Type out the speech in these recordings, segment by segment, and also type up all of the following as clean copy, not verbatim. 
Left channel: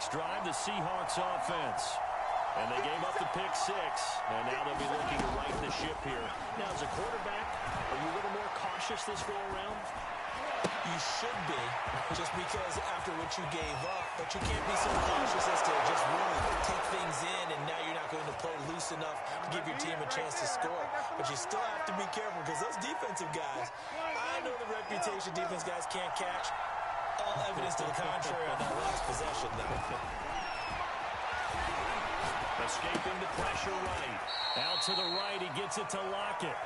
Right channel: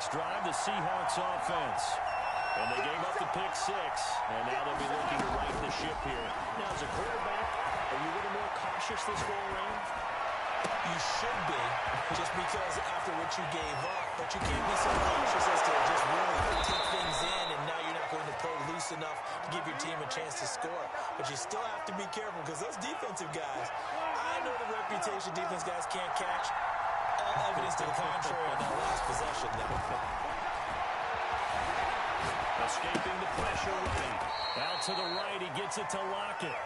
next drive, the Seahawks offense. And they gave up the pick six, and now they'll be looking to right the ship here. Now, as a quarterback, are you a little more cautious this go-around? You should be, just because after what you gave up. But you can't be so cautious as to just really take things in, and now you're not going to play loose enough to give your team a chance to score. But you still have to be careful, because those defensive guys, I know the reputation defense guys can't catch. All evidence to the contrary on that last possession, though. Escaping the pressure right. Out to the right, he gets it to Lockett.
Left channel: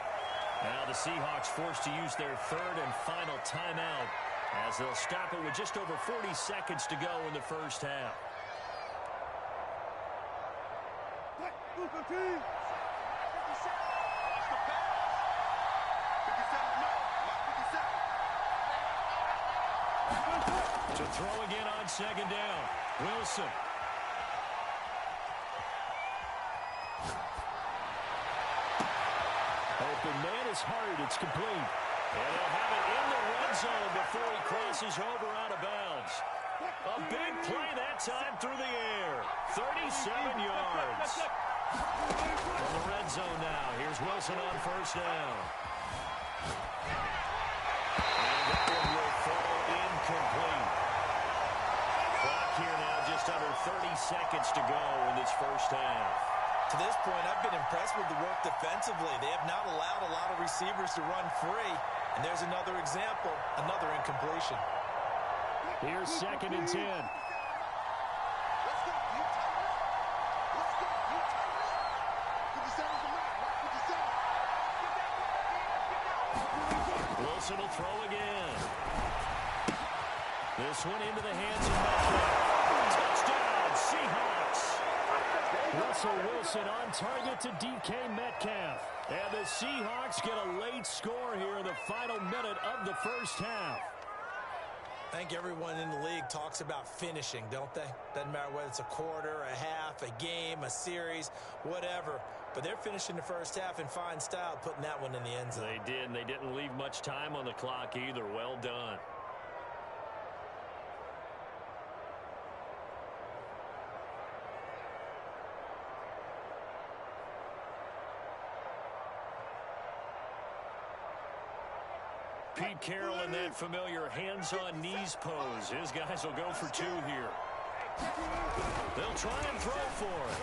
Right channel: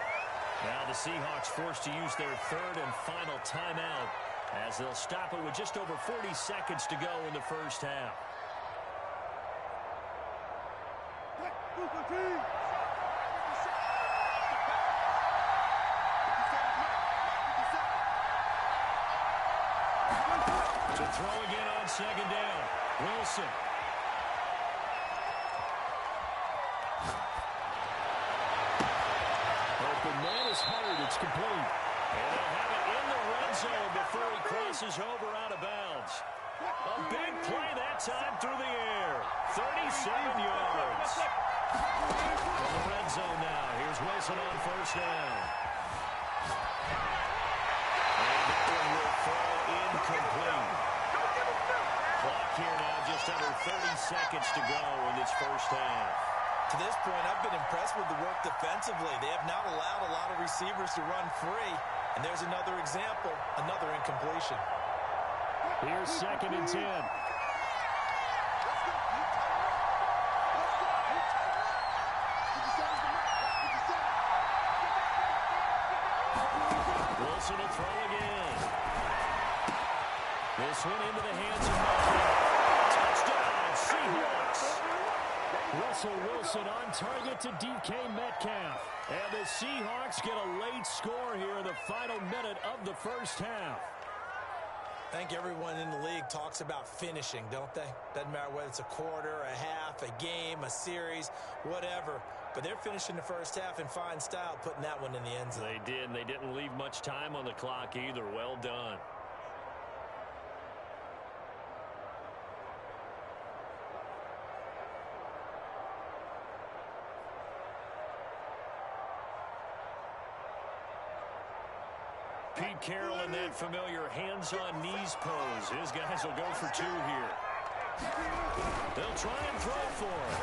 Now the Seahawks forced to use their third and final timeout as they'll stop it with just over 40 seconds to go in the first half. To throw again on second down. Wilson. Open man is hard. It's complete. And they'll have it in the red zone before he crosses over out of bounds. A big play that time through the air. 37 yards. From the red zone now. Here's Wilson on first down. And that one will fall incomplete. Clock here now just under 30 seconds to go in this first half. To this point, I've been impressed with the work defensively. They have not allowed a lot of receivers to run free. And there's another example, another incompletion. Here's second and 10. Let's go. You tighten up. Let's go. You tighten up. 57's the mark. 57. Wilson will throw again. This one into the hands of Metcalf. Touchdown, Seahawks. Russell Wilson on target to DK Metcalf. And the Seahawks get a late score here in the final minute of the first half. I think everyone in the league talks about finishing, don't they? Doesn't matter whether it's a quarter, a half, a game, a series, whatever. But they're finishing the first half in fine style, putting that one in the end zone. They did, and they didn't leave much time on the clock either. Well done. Pete Carroll in that familiar hands-on knees pose. His guys will go for two here. They'll try and throw for it.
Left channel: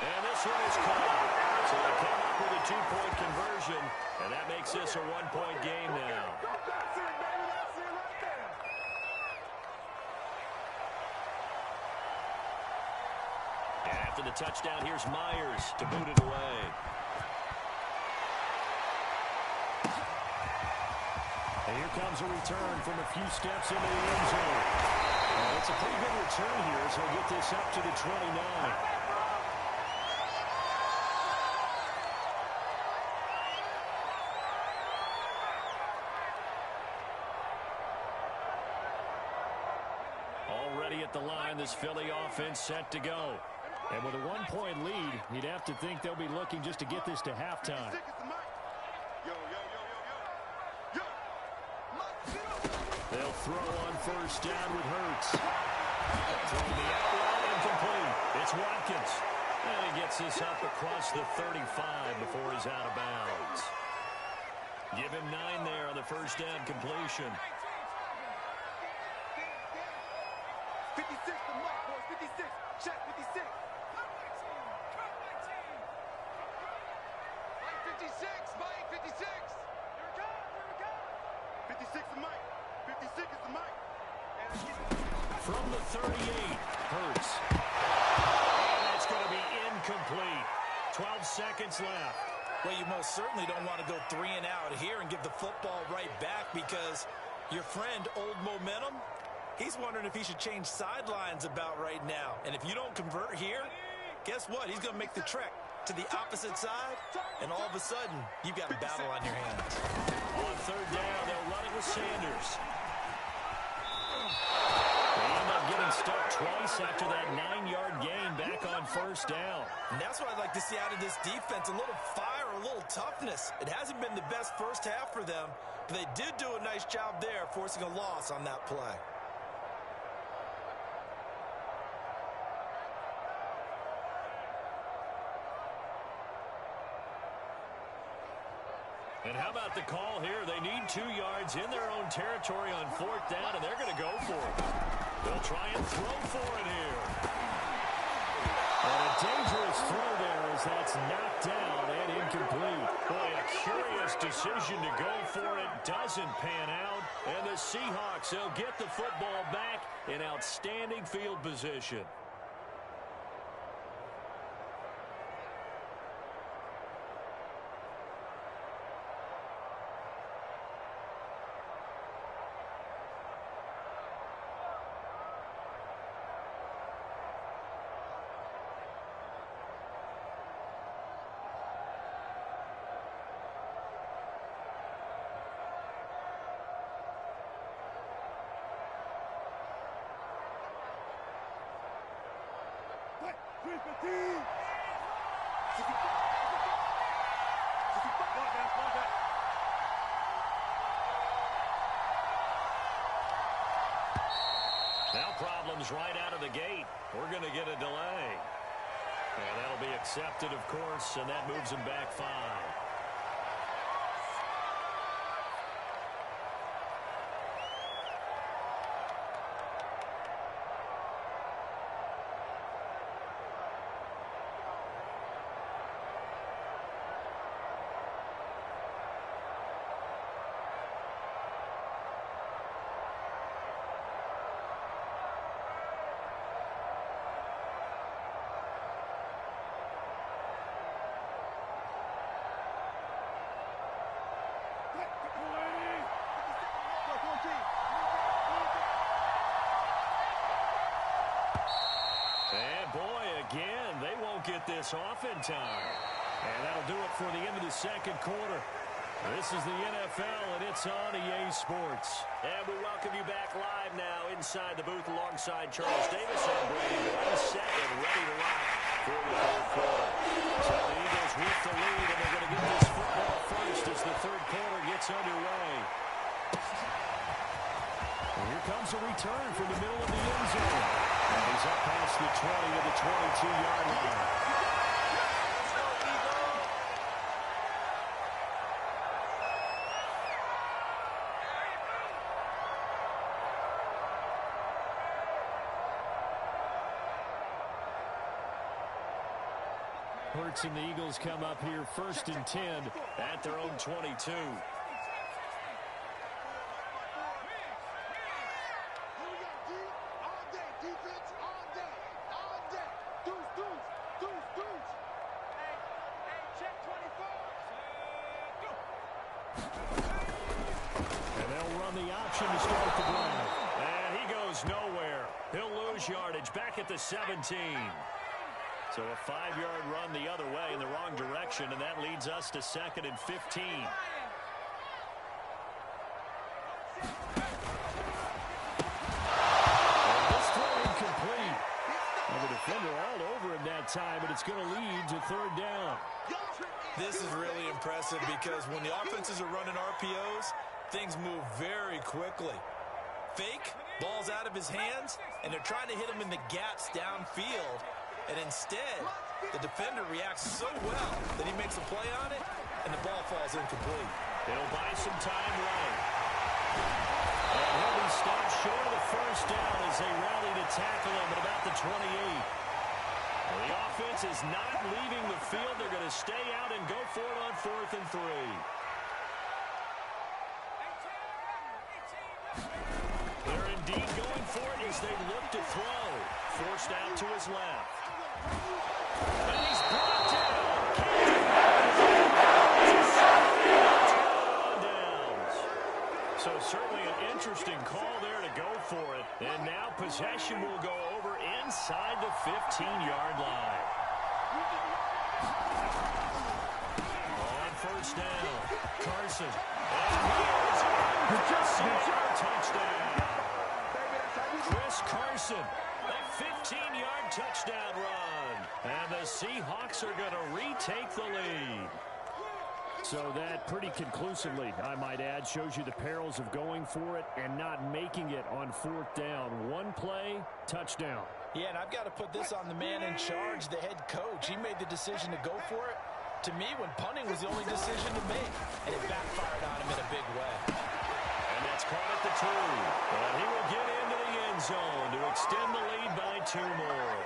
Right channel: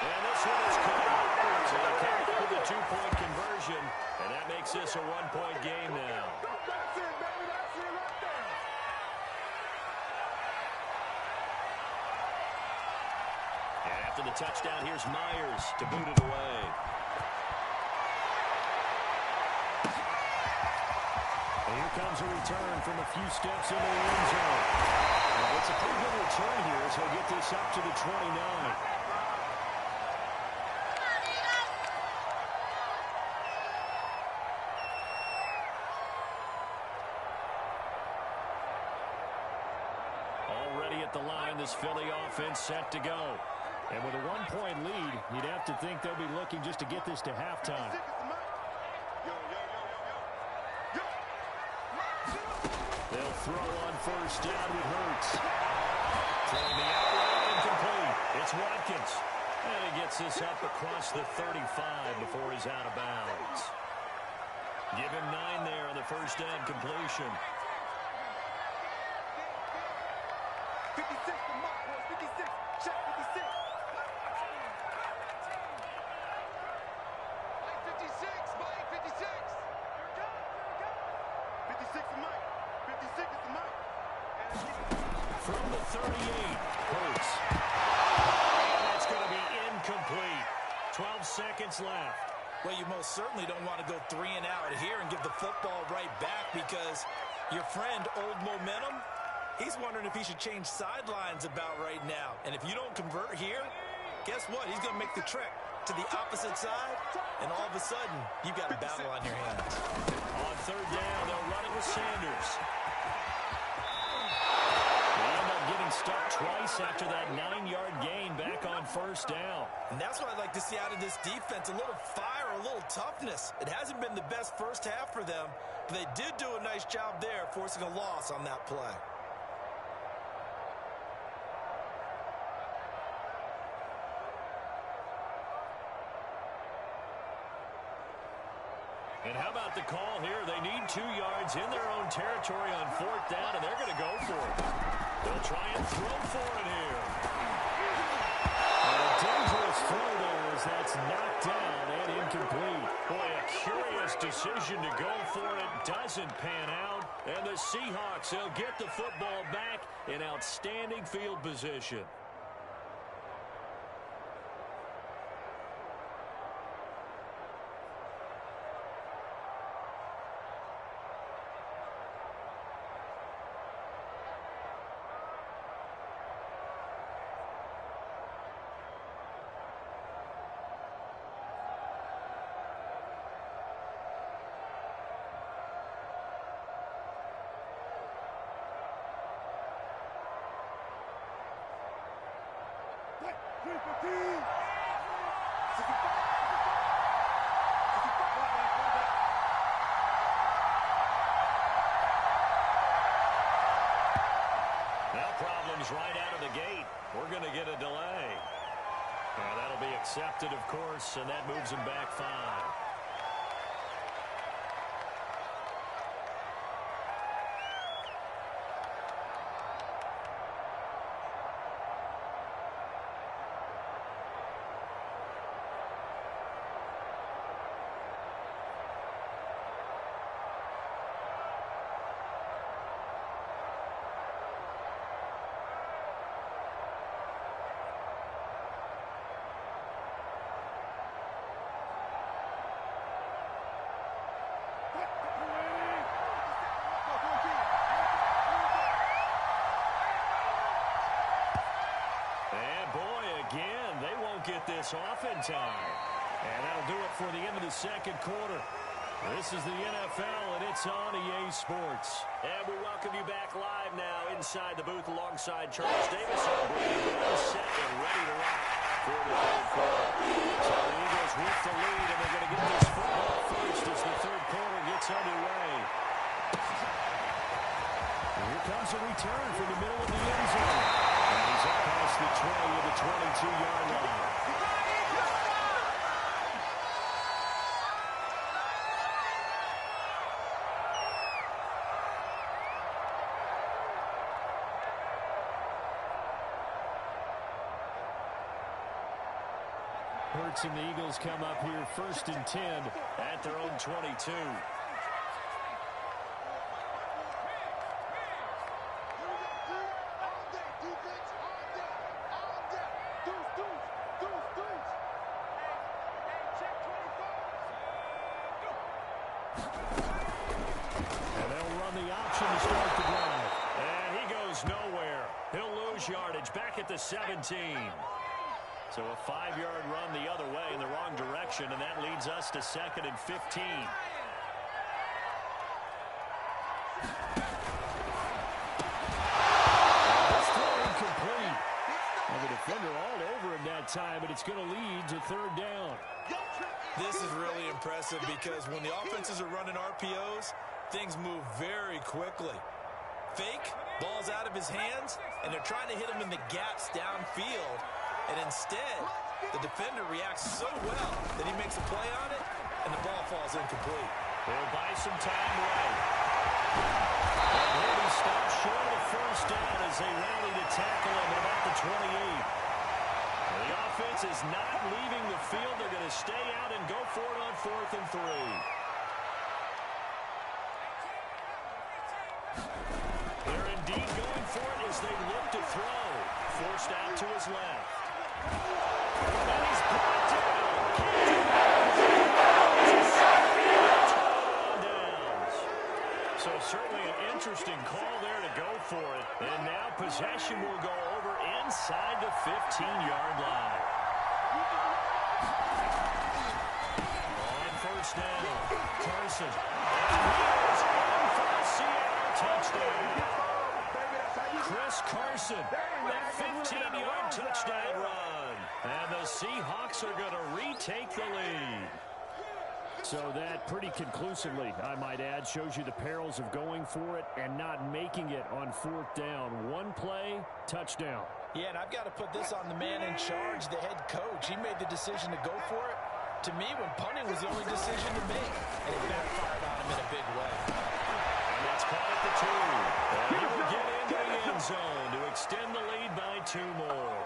And this one is caught. So they come up with a two-point conversion, and that makes this a one-point game now. That's it, baby. That's it right there. And after the touchdown, here's Myers to boot it away. And here comes a return from a few steps into the end zone. And it's a pretty good return here as he'll get this up to the 29. Already at the line, this Philly offense set to go. And with a one-point lead, you'd have to think they'll be looking just to get this to halftime. They'll throw on first down with Hurts. Throwing the out route incomplete. It's Watkins. And he gets this up across the 35 before he's out of bounds. Give him 9 there on the first down completion. 56, the mark, boys. 56. Check 56. Mike 56. Mike 56. Here it comes. Here it comes. 56 the Mike. 56 is the Mike. From the 38, Hurts. And that's going to be incomplete. 12 seconds left. Well, you most certainly don't want to go 3 and out here and give the football right back, because your friend, Old Momentum, he's wondering if he should change sidelines about right now. And if you don't convert here, guess what? He's going to make the trek to the opposite side, and all of a sudden, you've got a battle on your hands. On third down, they'll run it with Sanders. They end up getting stuck twice after that 9-yard gain back on first down. And that's what I'd like to see out of this defense, a little fire, a little toughness. It hasn't been the best first half for them, but they did do a nice job there forcing a loss on that play. And how about the call here? They need 2 yards in their own territory on 4th down, and they're going to go for it. They'll try and throw for it here. And a dangerous throw there as that's knocked down and incomplete. Boy, a curious decision to go for it. Doesn't pan out. And the Seahawks, they'll get the football back in outstanding field position. Now problems right out of the gate. We're going to get a delay. And that'll be accepted, of course, and that moves them back 5. And boy, again, they won't get this off in time. And that'll do it for the end of the second quarter. This is the NFL, and it's on EA Sports. And we welcome you back live now inside the booth alongside Charles Davis. I'm Brady Glenn, set and ready to rock for the third quarter. So the Eagles with the lead, and they're going to get this football first as the third quarter gets underway. And here comes a return from the middle of the end zone. And he's up past the 20 of the 22-yard line. Hurts and the Eagles come up here 1st and 10 at their own 22. And they'll run the option to start the drive. And he goes nowhere. He'll lose yardage back at the 17. So a 5-yard run the other way in the wrong direction, and that leads us to 2nd and 15. And this throw incomplete. And the defender all over him that time, but it's going to lead to 3rd down. This is really impressive because when the offenses are running RPOs, things move very quickly. Fake, ball's out of his hands, and they're trying to hit him in the gaps downfield. And instead, the defender reacts so well that he makes a play on it, and the ball falls incomplete. He'll buy some time right. And he'll be stopped short of the 1st down as they rally to tackle him at about the 28. Well, the offense is not leaving the field. They're going to stay out and go for it on 4th and 3. They're indeed going for it as they look to throw. Forced out to his left. And he's brought down. So certainly an interesting call there to go for it. And now possession will go over inside the 15-yard line. On 1st down, Carson. And he is in for the Seattle touchdown. Chris Carson, that 15-yard touchdown run. And the Seahawks are going to retake the lead. So that pretty conclusively, I might add, shows you the perils of going for it and not making it on 4th down. One play, touchdown. Yeah, and I've got to put this on the man in charge, the head coach. He made the decision to go for it, to me when punting was the only decision to make, and it backfired on him in a big way. And that's caught at the 2. And he will get into the end zone to extend the lead by 2 more.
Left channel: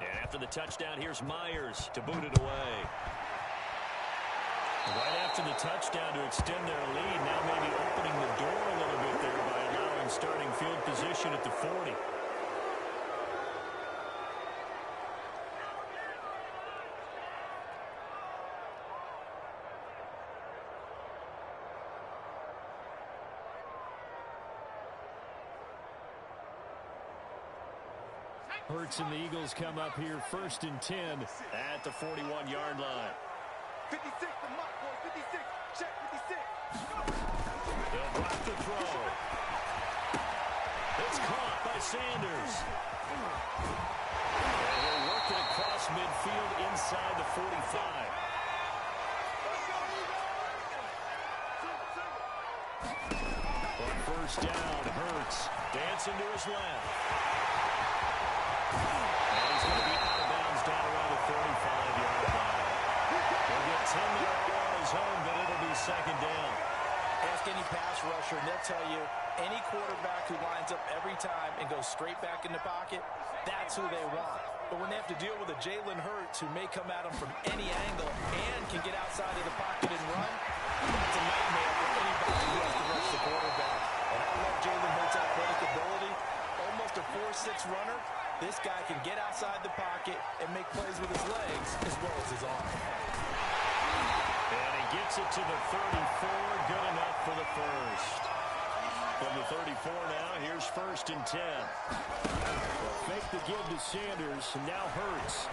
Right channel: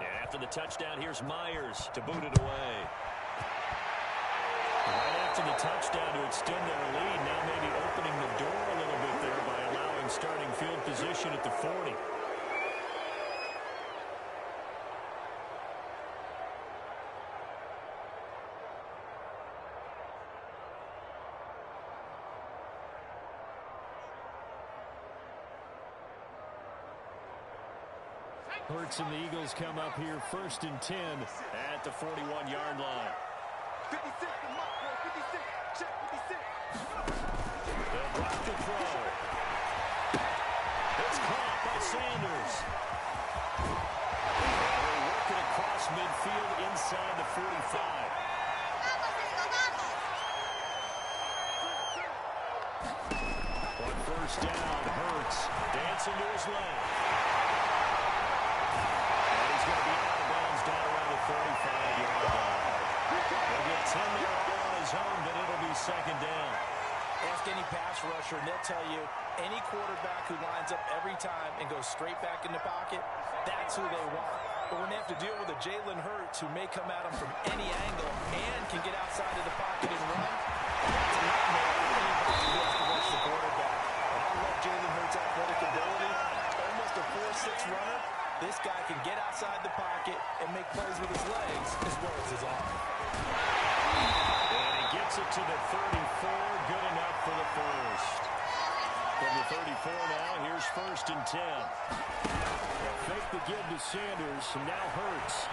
And after the touchdown, here's Myers to boot it away. Right after the touchdown to extend their lead, now maybe opening the door a little bit there by allowing starting field position at the 40. Hurts and the Eagles come up here 1st and 10 at the 41-yard line. 56, the mark, boy, 56. Check 56. They'll block the throw. It's caught by Sanders. And he'll work it across midfield inside the 45. On 1st down, Hurts dancing to his left. And he's going to be out of bounds down around the 35-yard line. He'll get 10 there all on his own, but it'll be 2nd down. Ask any pass rusher, and they'll tell you any quarterback who lines up every time and goes straight back in the pocket, that's who they want. But when they have to deal with a Jalen Hurts who may come at them from any angle and can get outside of the pocket and run, that's a nightmare for anybody who has to rush the quarterback. And I love Jalen Hurts' athletic ability. Almost a 4.6 runner. This guy can get outside the pocket and make plays with his legs as well as his arm. And he gets it to the 34. Good enough for the first. From the 34 now, here's 1st and 10. They'll fake the give to Sanders, and now Hurts.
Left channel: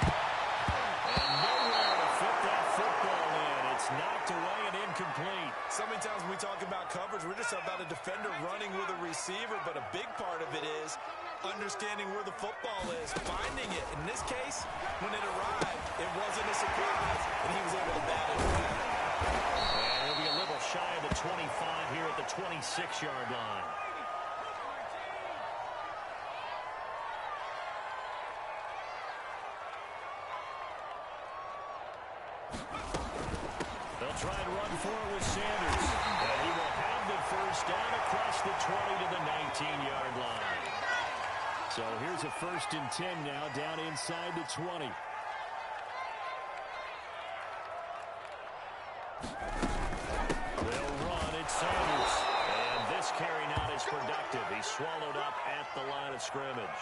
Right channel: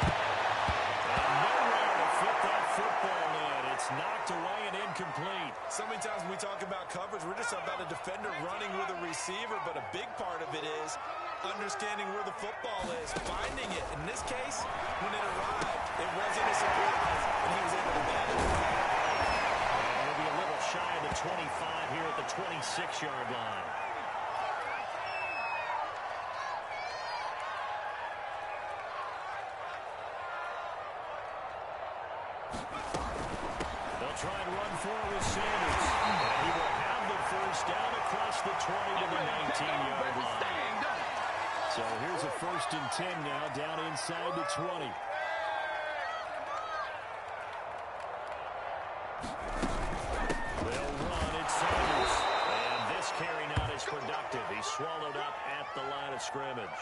And nowhere to fit that football in. It's knocked away and incomplete. So many times when we talk about coverage, we're just about a defender running with a receiver, but a big part of it is understanding where the football is, finding it. In this case, when it arrived, it wasn't a surprise, and he was able to bat it away. And he'll be a little shy of the 25 here at the 26-yard line. They'll try and run for it with Sanders. And he will have the 1st down across the 20 to the 19-yard line. So here's a 1st and 10 now, down inside the 20. They'll run. It's Sanders. And this carry not as productive. He's swallowed up at the line of scrimmage.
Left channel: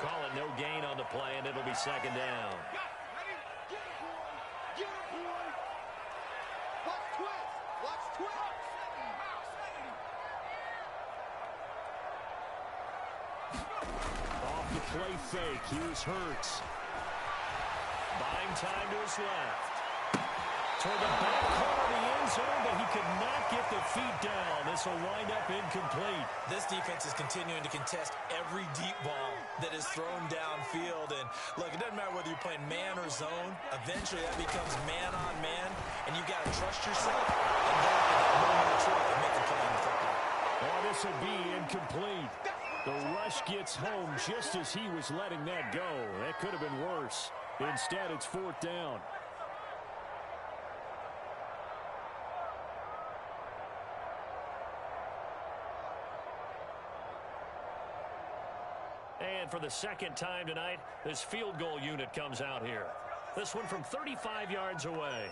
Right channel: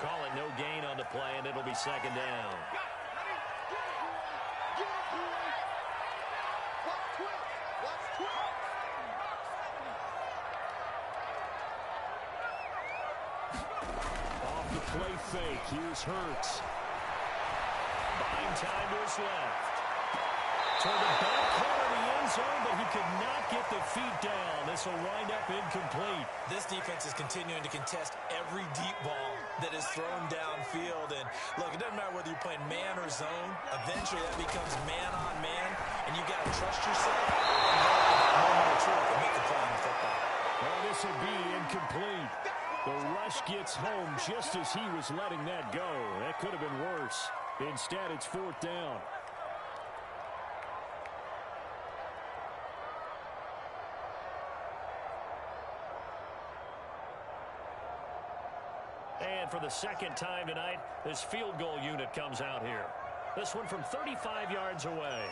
Call it no gain on the play, and it'll be 2nd down. Off the play fake, here's Hurts. Buying time to his left. Toward the back corner of the end zone, but he could not get the feet down. This will wind up incomplete. This defense is continuing to contest every deep ball that is thrown downfield. And look, it doesn't matter whether you're playing man or zone. Eventually, that becomes man on man, and you got to trust yourself and go with that moment of truth and make the play on the football. Oh, this will be incomplete. The rush gets home just as he was letting that go. That could have been worse. Instead, it's 4th down. And for the 2nd time tonight, this field goal unit comes out here. This one from 35 yards away.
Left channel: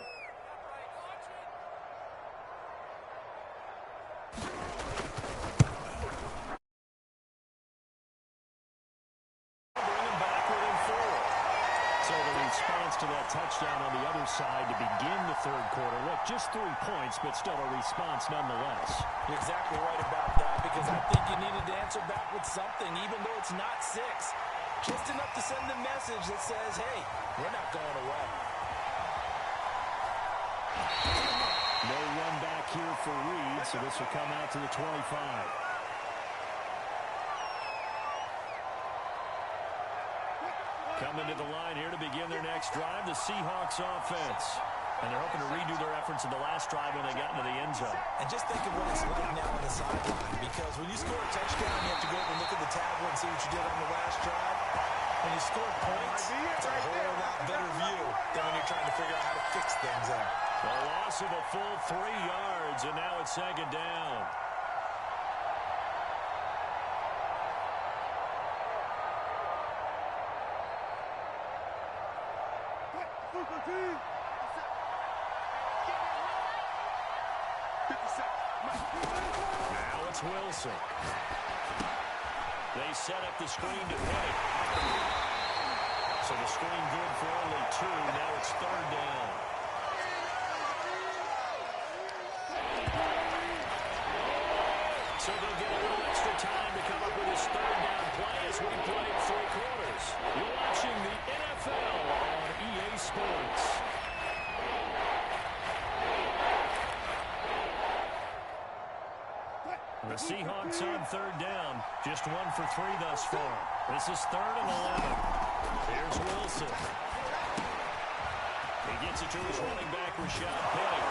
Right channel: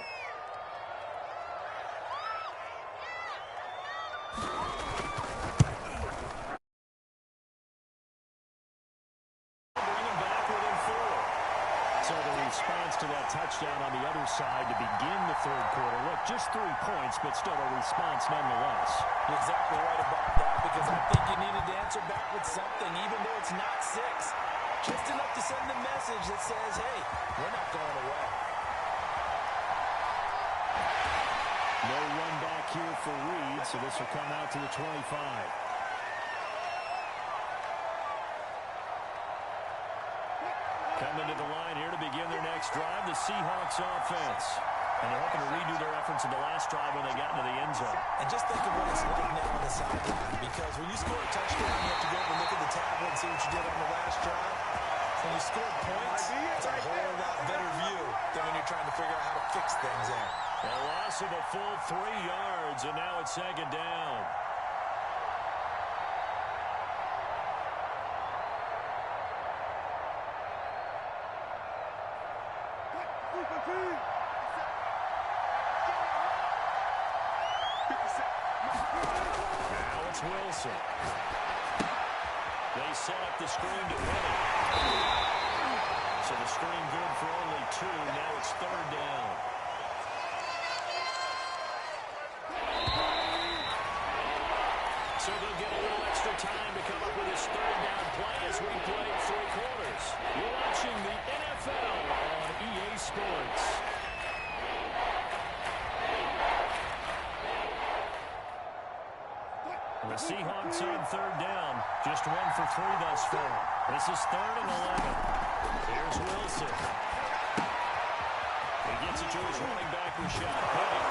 response to that touchdown on the other side to begin the third quarter. Look, just 3 points, but still a response nonetheless. You're exactly right about that, because I think you needed to answer back with something, even though it's not 6. Just enough to send a message that says, hey, we're not going away. No run back here for Reed, so this will come out to the 25. Coming to the line here to begin their next drive, the Seahawks offense. And they're hoping to redo their efforts in the last drive when they got into the end zone. And just think of what it's like now on the sideline, because when you score a touchdown, you have to go over and look at the tablet and see what you did on the last drive. When you score points, it's a whole lot better view than when you're trying to figure out how to fix things there. A loss of a full 3 yards, and now it's second down. Now it's Wilson. They set up the screen to Penny. So the screen good for only 2. Now it's third down. So they'll get a little extra time to come up with this third down play as we played 3 quarters. You're watching the NFL on EA Sports. The Seahawks on third down. Just 1 for 3 thus far. This is 3rd and 11. Here's Wilson. He gets it to his running back, Rashad Penny.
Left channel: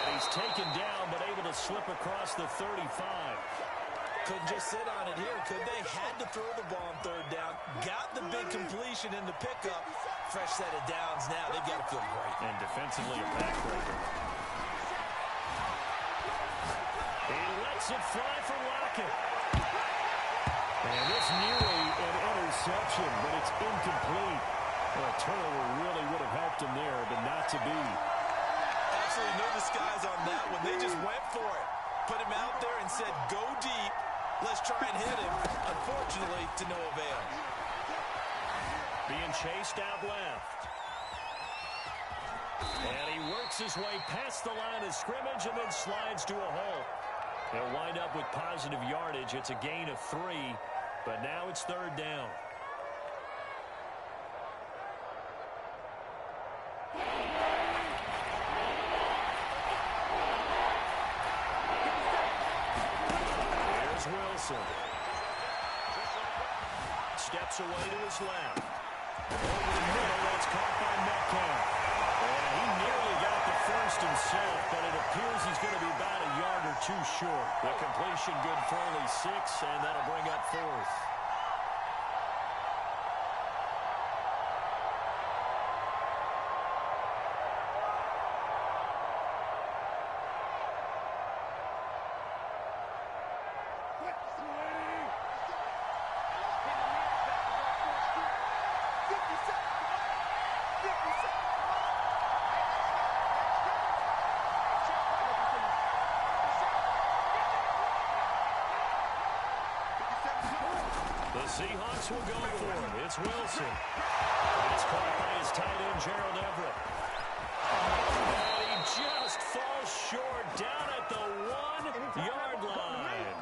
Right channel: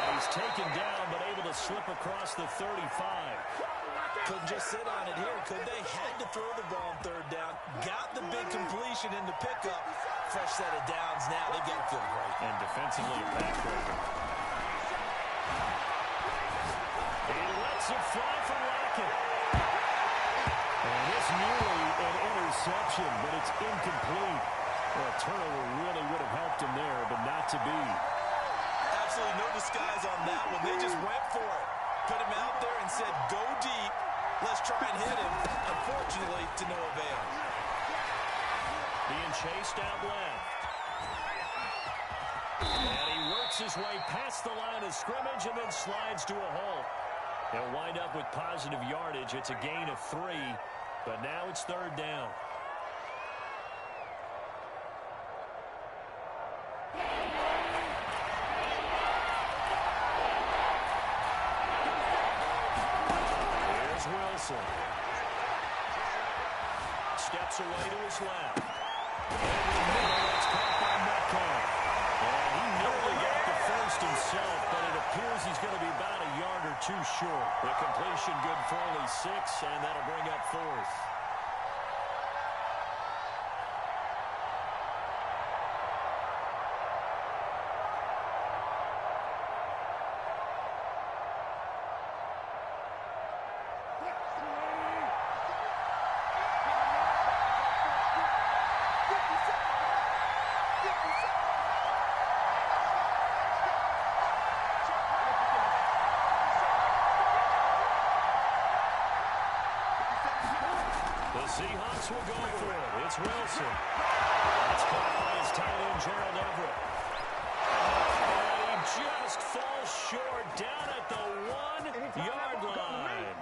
And he's taken down, but able to slip across the 35. Couldn't just sit on it here, could they? Had to throw the ball on third down. Got the big completion in the pickup. Fresh set of downs now. They've got to feel great. And defensively a backbreaker. He lets it fly for Lockett. And it's nearly an interception, but it's incomplete. Well, a turnover really would have helped him there, but not to be. Absolutely no disguise on that one. They just went for it. Put him out there and said, go deep. Let's try and hit him. Unfortunately, to no avail. Being chased out left. And he works his way past the line of scrimmage and then slides to a halt. He'll wind up with positive yardage. It's a gain of 3, but now it's third down. Here's Wilson. Steps away to his left. Over the middle, that's caught by Metcalf. And he nearly got the first himself, but it appears he's going to be about a yard or 2 short. The completion good for only 6, and that'll bring up 4th. The Seahawks will go for it. It's Wilson. That's caught by his tight end, Gerald Everett. And he just falls short down at the 1-yard line.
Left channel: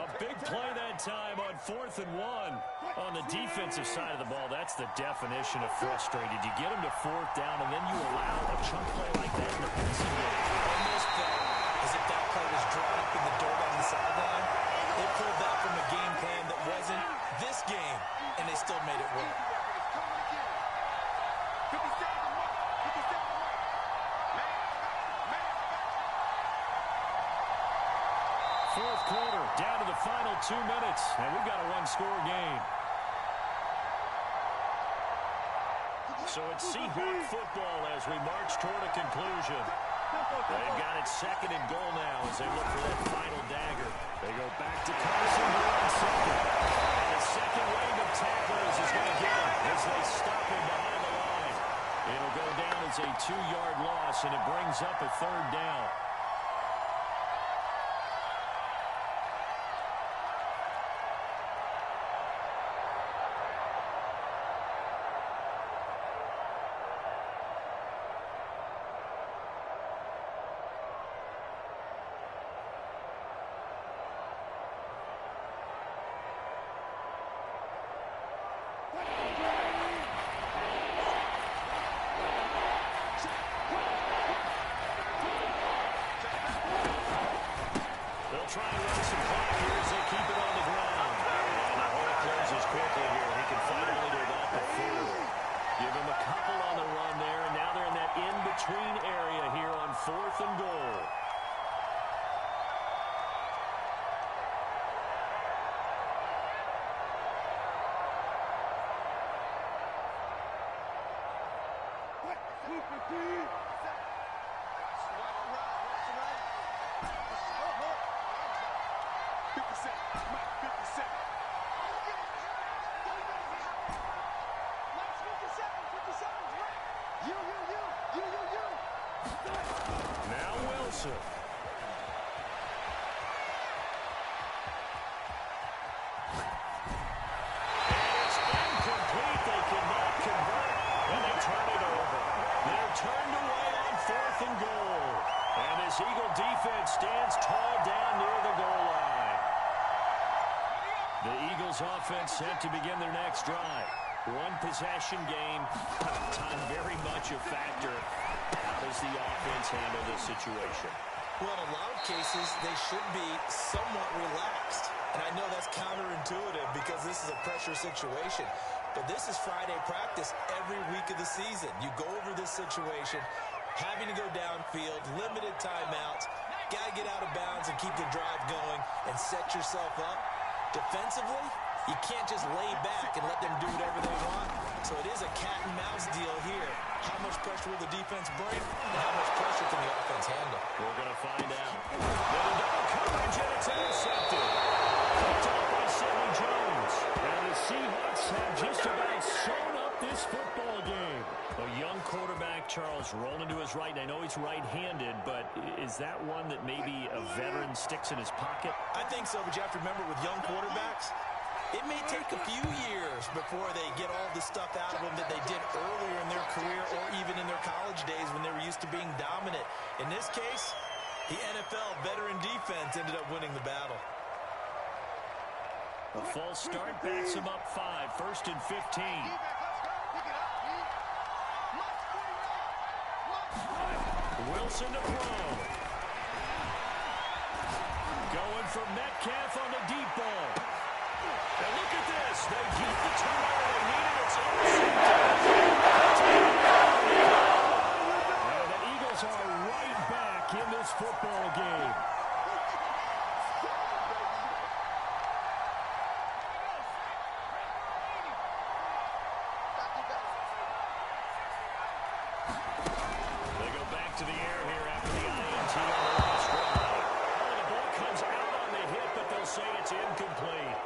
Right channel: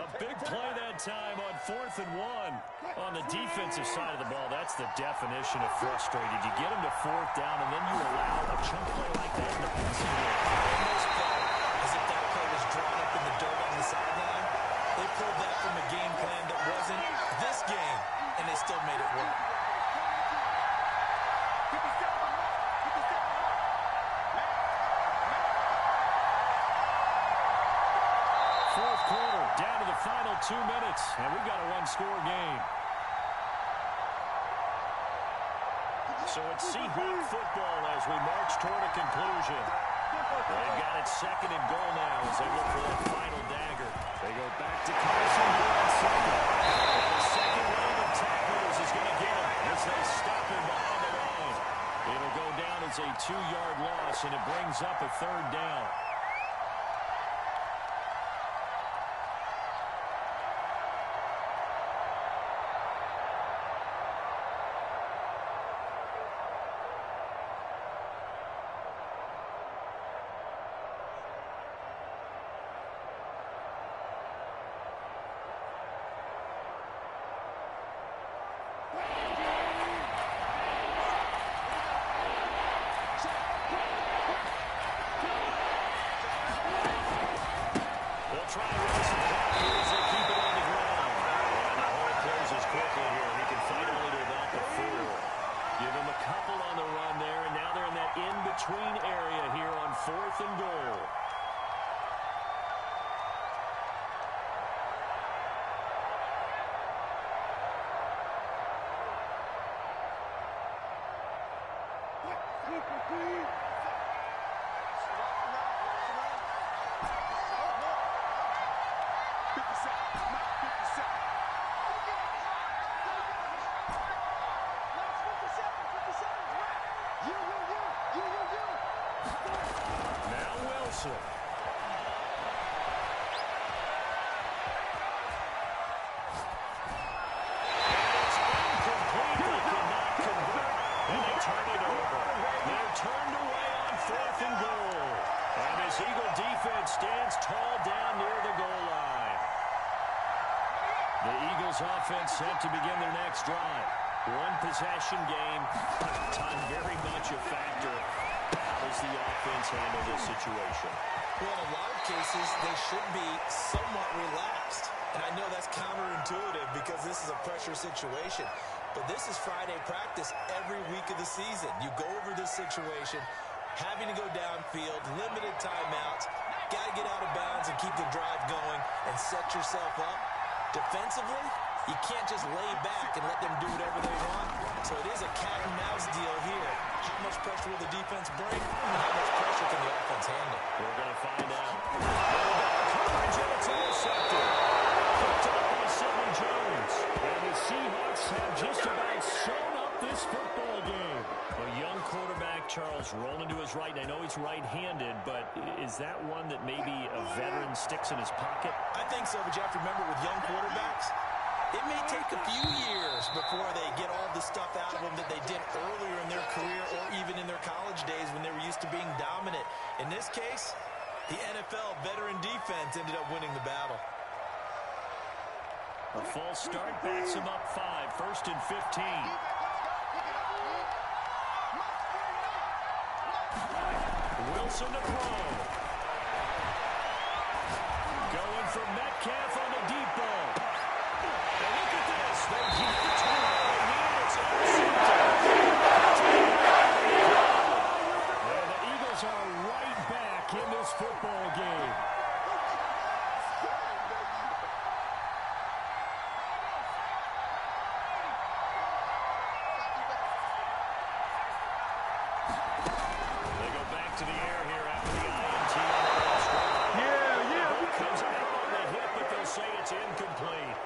A big play that time on 4th and 1. On the defensive side of the ball, that's the definition of frustrated. You get him to 4th down, and then you allow a chunk play like that in the passing game. Almost felt as if that play was drawn up in the dirt on the sideline. They pulled that from a game plan that wasn't this game, and they still made it work. 4th quarter, down to the final 2 minutes, and we've got a 1-score game. So it's Seahawk football as we march toward a conclusion. They've got it 2nd and goal now as they look for that final dagger. They go back to Carson here on 2nd. And the second wave of tacklers is going to get him as they stop him behind the line. It'll go down as a 2-yard loss, and it brings up a 3rd down. They'll try and run some clock here as they keep it on the ground. And the hole closes quickly here. He can fight only to about the 4. Give him a couple on the run there, and now they're in that in-between area here on 4th and goal. Now Wilson. And it's incomplete. They cannot convert, and they turn it over. They're turned away on 4th and goal. And this Eagle defense stands tall down near the goal line. The Eagles offense set to begin their next drive. One possession game, time very much a factor. How does the offense handle this situation? Well, in a lot of cases, they should be somewhat relaxed. And I know that's counterintuitive because this is a pressure situation. But this is Friday practice every week of the season. You go over this situation, having to go downfield, limited timeouts, got to get out of bounds and keep the drive going and set yourself up. Defensively, you can't just lay back and let them do whatever they want. So it is a cat and mouse deal here. How much pressure will the defense bring, and how much pressure can the offense handle? We're going to find out. Double coverage, and it's intercepted. Picked up by Sidney Jones. And the Seahawks have just about sewn up this football game. A young quarterback, Charles, rolling to his right. I know he's right-handed, but is that one that maybe a veteran sticks in his pocket? I think so, but you have to remember with young quarterbacks, it may take a few years before they get all the stuff out of them that they did earlier in their career or even in their college days when they were used to being dominant. In this case, the NFL veteran defense ended up winning the battle. A false start backs him up 5, 1st and 15. Wilson to throw. Going for Metcalf on the deep ball. Now look at this. They get the turnover they needed. It's intercepted. And the Eagles are right back in this football game. They go back to the air here after the INT on the last drive. The ball comes out on the hit, but they'll say it's incomplete.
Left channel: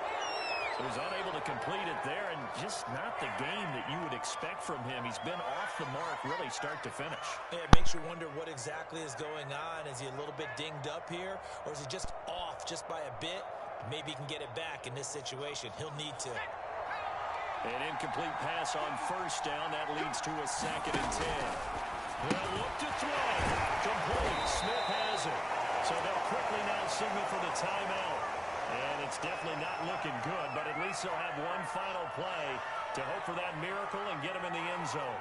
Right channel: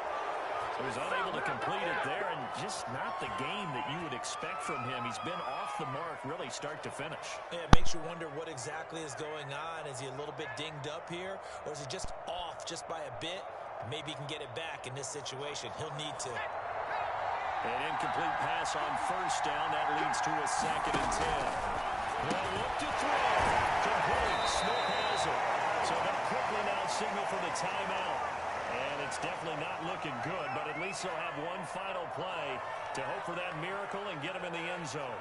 So he's unable to complete it there, and just not the game that you would expect from him. He's been off the mark really start to finish. Yeah, it makes you wonder what exactly is going on. Is he a little bit dinged up here, or is he just off just by a bit? Maybe he can get it back in this situation. He'll need to. An incomplete pass on 1st down. That leads to a 2nd and 10. They'll look to throw. Complete. Smith has it. So they'll quickly now signal for the timeout. And it's definitely not looking good, but at least they'll have one final play to hope for that miracle and get them in the end zone.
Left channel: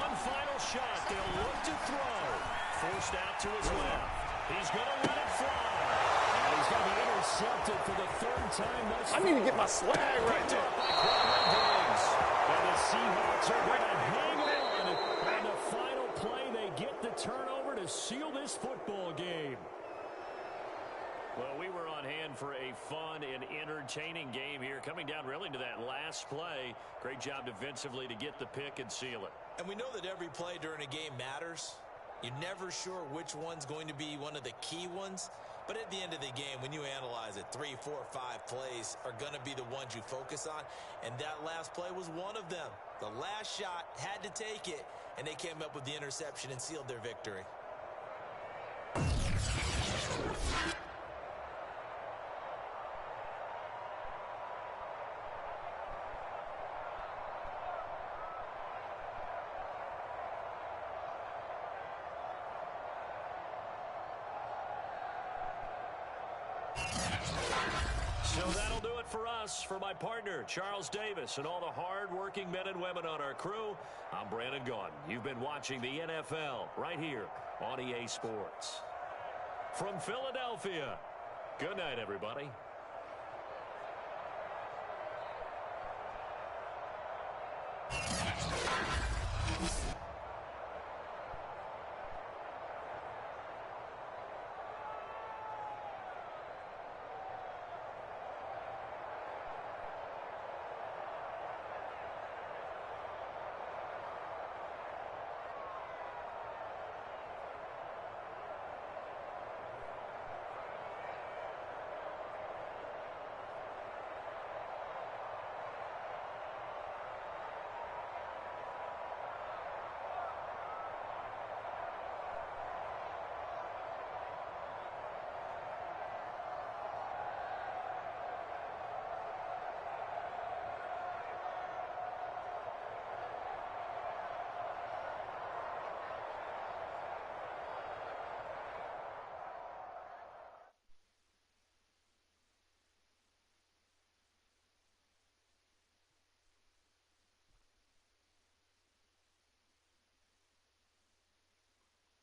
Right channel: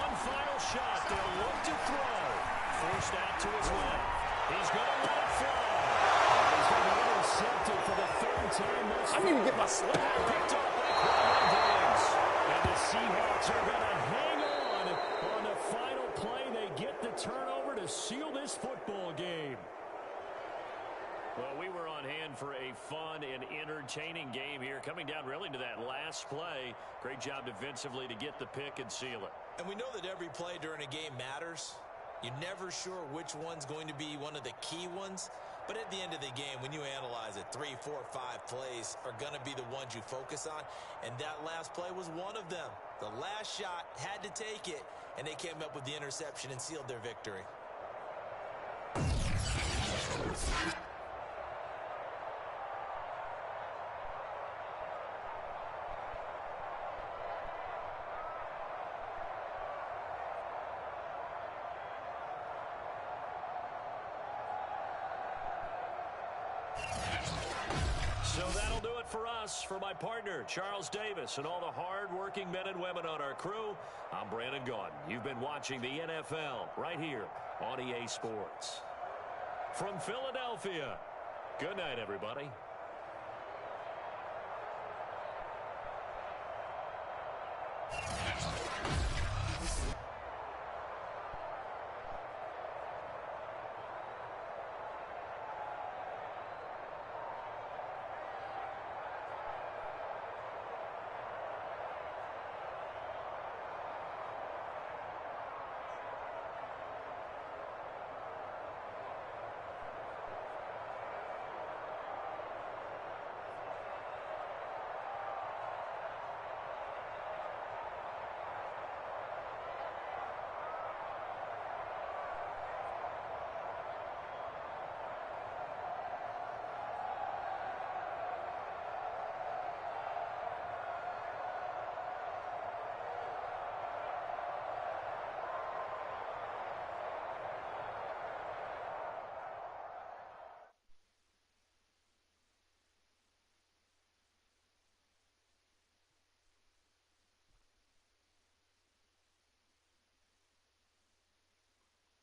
One final shot. They'll look to throw. Forced out to his left. He's going to let it fly. And he's going to be intercepted for the 3rd time thus far. I need to get my swag right. Picked up by Quadron Diggs. And the Seahawks are going to hang on the final play. They get the turnover to seal this football game. Well, we were on hand for a fun and entertaining game here. Coming down really to that last play. Great job defensively to get the pick and seal it. And we know that every play during a game matters. You're never sure which one's going to be one of the key ones. But at the end of the game, when you analyze it, 3, 4, 5 plays are going to be the ones you focus on. And that last play was one of them. The last shot had to take it, and they came up with the interception and sealed their victory. So that'll do it for us. For my partner, Charles Davis, and all the hard-working men and women on our crew, I'm Brandon Gaudin. You've been watching the NFL right here on EA Sports. From Philadelphia, good night, everybody.